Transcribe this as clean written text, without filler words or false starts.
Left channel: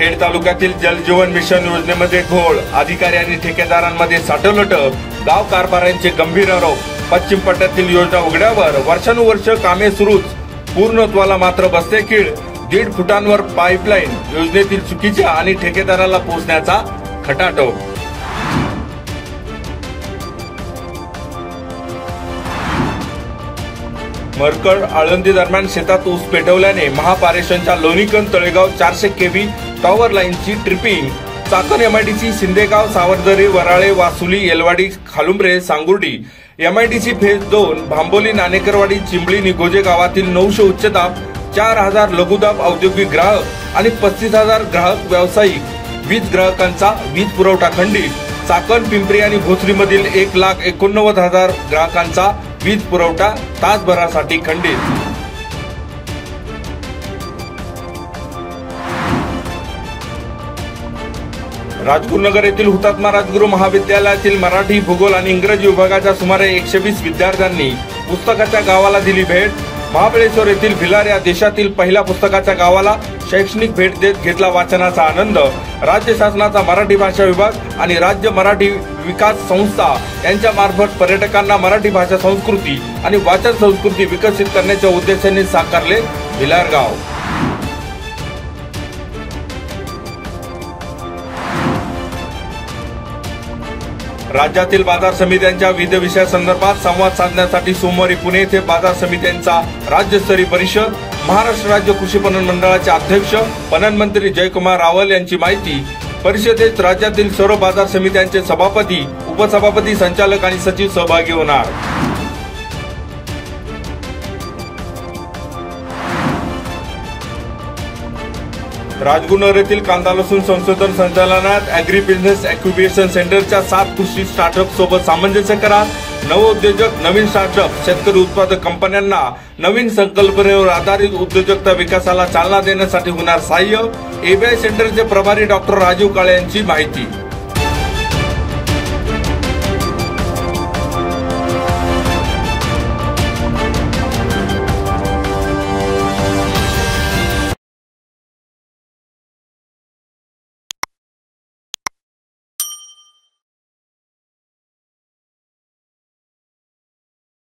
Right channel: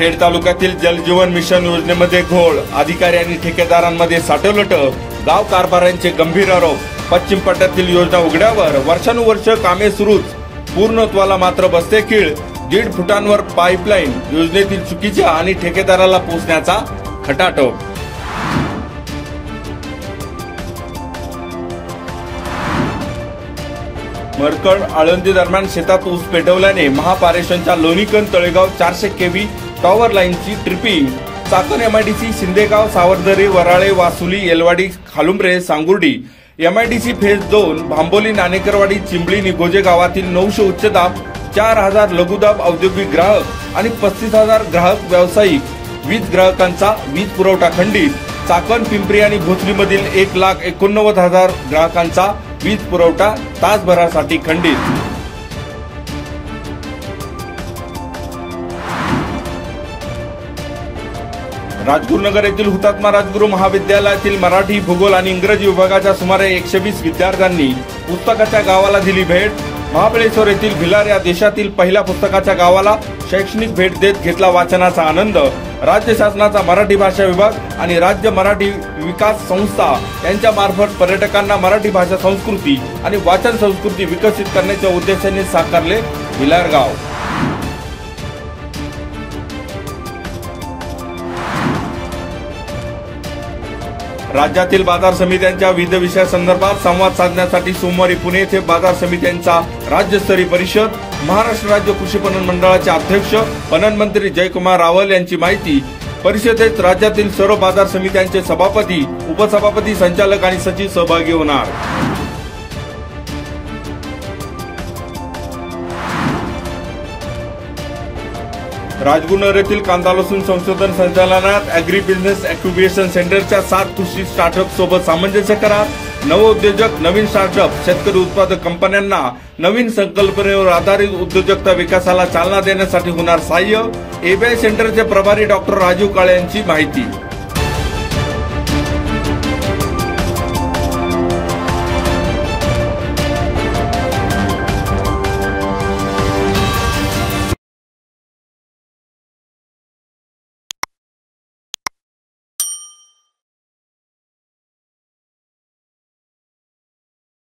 खेड तालुक्यातील जलजीवन मिशन योजनेमध्ये घोळ, अधिकारी आणि ठेकेदारांमध्ये साठवलट, गाव कारभारांचे गंभीर आरोप. पश्चिम पट्ट्यातील योजना उघड्यावर वर्षानुवर्ष कामे सुरूच, पूर्णत्वाला मात्र बसते खीळ. 1.5 फुटांवर पाईपलाईन, योजनेतील चुकीच्या आणि ठेकेदाराला पोहोचण्याचा खटाटोप. मरकड आळंदी दरम्यान शेतात ऊस पेटवल्याने महापारेषणच्या लोणीकंद तळेगाव 400 केव्ही टॉवर लाईनची ट्रिपिंग. चाकण एमआयडीसी शिंदेगाव सावरदरी वराळे वासुली येलवाडी खालुंब्रे सांगुर्डी. एमआयडीसी फेज 2 भांबोली नाणेकरवाडी चिंबळी निगोजे गावातील 900 उच्चदाब, 4000 लघुदाब औद्योगिक ग्राहक आणि 35,000 ग्राहक व्यावसायिक वीज ग्राहकांचा वीज पुरवठा खंडित. चाकण पिंपरी आणि भोसरीमधील 1,89,000 ग्राहकांचा वीज पुरवठा तासभरासाठी खंडित. राजगुरुनगर येथील हुतात्मा राजगुरू महाविद्यालयातील मराठी, भूगोल आणि इंग्रजी विभागाच्या सुमारे 120 विद्यार्थ्यांनी पुस्तकाच्या गावाला दिली भेट. महाबळेश्वर येथील भिलार या देशातील पहिल्या पुस्तकाच्या गावाला शैक्षणिक भेट देत घेतला वाचनाचा आनंद. राज्य शासनाचा मराठी भाषा विभाग आणि राज्य मराठी विकास संस्था यांच्या मार्फत पर्यटकांना मराठी भाषा संस्कृती आणि वाचन संस्कृती विकसित करण्याच्या उद्देशाने साकारले भिलार गाव. राज्यातील बाजार समित्यांच्या विविध विषयासंदर्भात संवाद साधण्यासाठी सोमवारी पुणे येथे बाजार समित्यांचा राज्यस्तरीय परिषद. महाराष्ट्र राज्य कृषी पणन मंडळाचे अध्यक्ष पणन मंत्री जयकुमार रावल यांची माहिती. परिषदेत राज्यातील सर्व बाजार समित्यांचे सभापती, उपसभापती, संचालक आणि सचिव सहभागी होणार. राजगुरुनगर येथील कांदा लसूण संशोधन संचालनात अॅग्री बिझनेस एक्युबेशन सेंटरच्या 7 कृषी स्टार्टअप सोबत सामंजस्य करार. नवउद्योजक, नवीन स्टार्टअप, शेतकरी उत्पादक कंपन्यांना नवीन संकल्पनेवर आधारित उद्योजकता विकासाला चालना देण्यासाठी होणार सहाय्य. एबीआय सेंटरचे प्रभारी डॉक्टर राजीव काळे यांची माहिती.